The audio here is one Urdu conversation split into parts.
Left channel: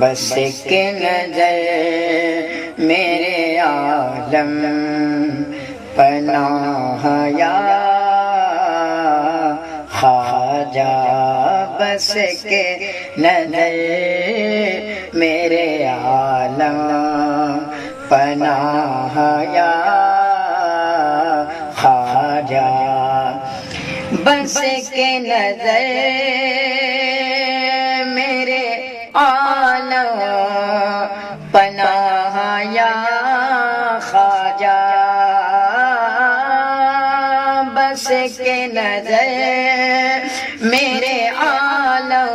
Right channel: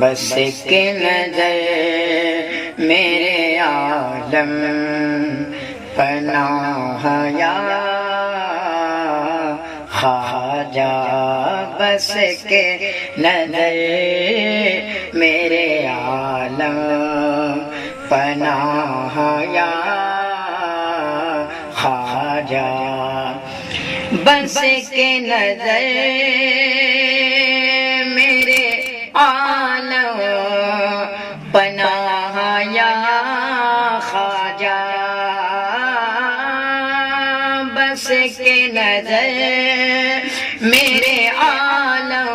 بس کے نظر میرے عالم پناہ یا خواجہ، بس کے نظر میرے عالم پناہ یا خواجہ، بس کے نظر میرے عالم پناہ یا خواجہ، بس کے نظر میرے عالم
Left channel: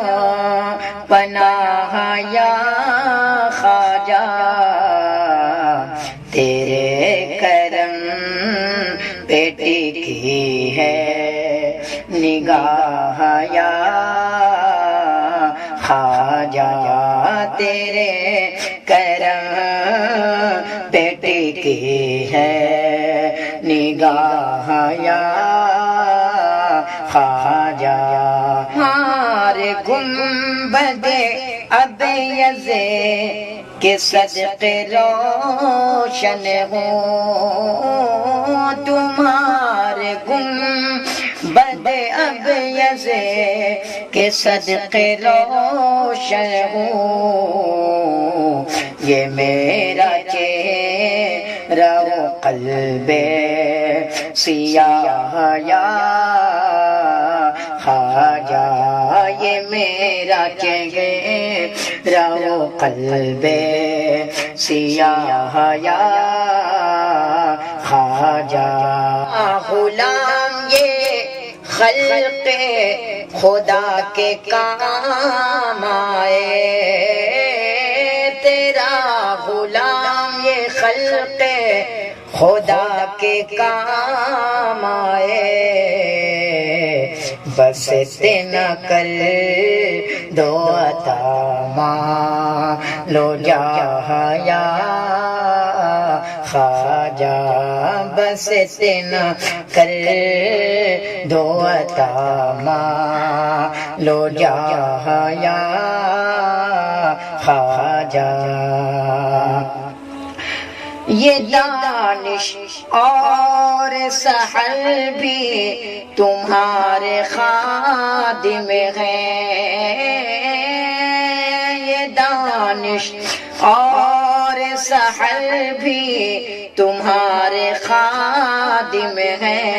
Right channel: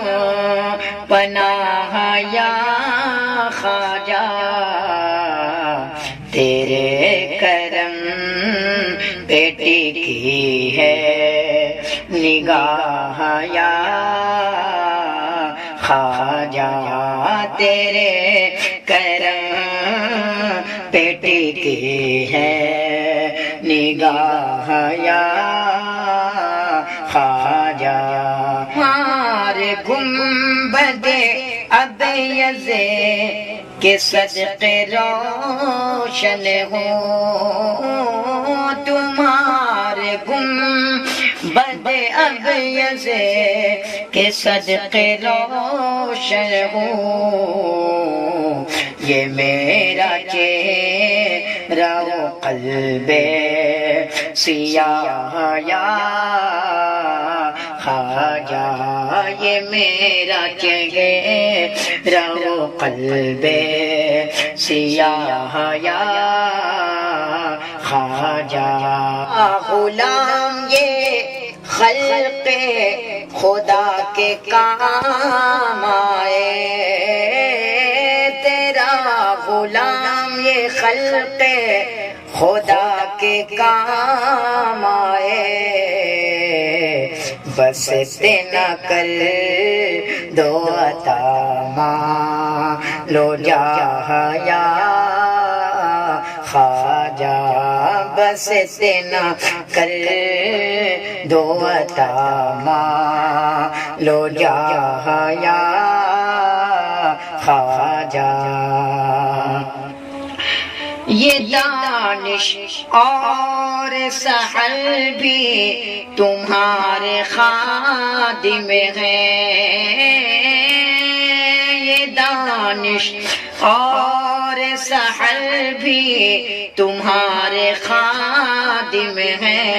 پناہ یا خواجہ، تیرے کرم بیٹی کی ہے نگاہ یا خواجہ، تیرے کرم بیٹی کی ہے نگاہ یا خواجہ، ہمارے گنبد ابیض کے صدقے روشن ہو، تمہارے گنبد ابیض کے صدقے روشن ہو، یہ میرا چہرہ و قلب سیاہ یا خواجہ، یہ میرا چہرہ و قلب سیاہ یا خواجہ، غلام یہ خلق خدا کے کام آئے، تیرا غلام یہ خلق خدا کے کام آئے، بس تینا کر دو عطا مالو جاہ یا خواجہ، بس تینا کر دو عطا مالو جاہ یا خواجہ، یہ دانش اور سحر بھی تمہارے خادم ہیں، یہ دانش اور سحر بھی تمہارے خادم ہیں،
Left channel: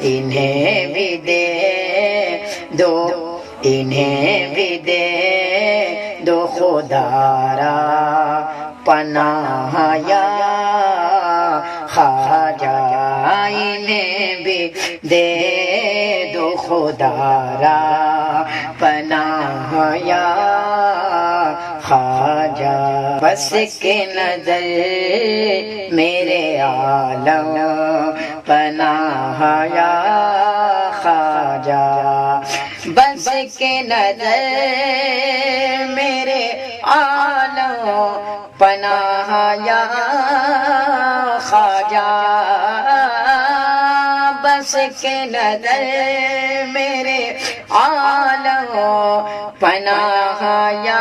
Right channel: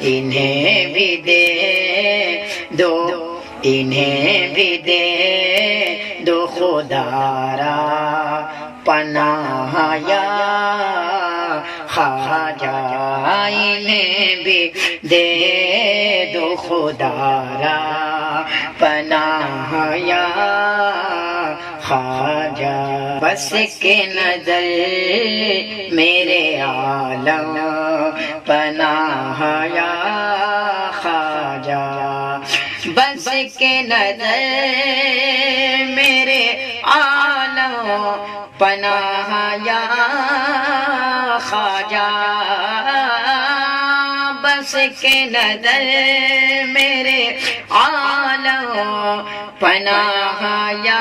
انہیں بھی دے دو، انہیں بھی دے دو خدا را پناہ یا خواجہ، انہیں بھی دے دو خدا را پناہ یا خواجہ، بس کے نظر میرے عالم پناہ یا خواجہ، بس کے نظر میرے عالم پناہ یا خواجہ، بس کے نظر میرے عالم پناہ یا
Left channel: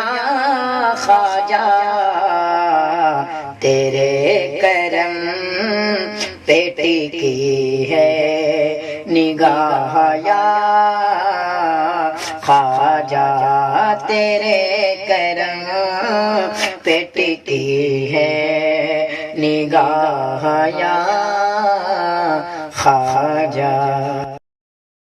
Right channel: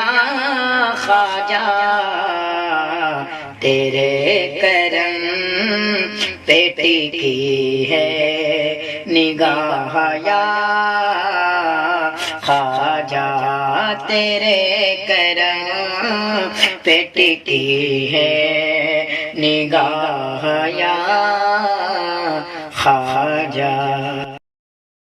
خواجہ، تیرے کرم بیٹی کی ہے نگاہ یا خواجہ، تیرے کرم بیٹی کی ہے نگاہ یا خواجہ۔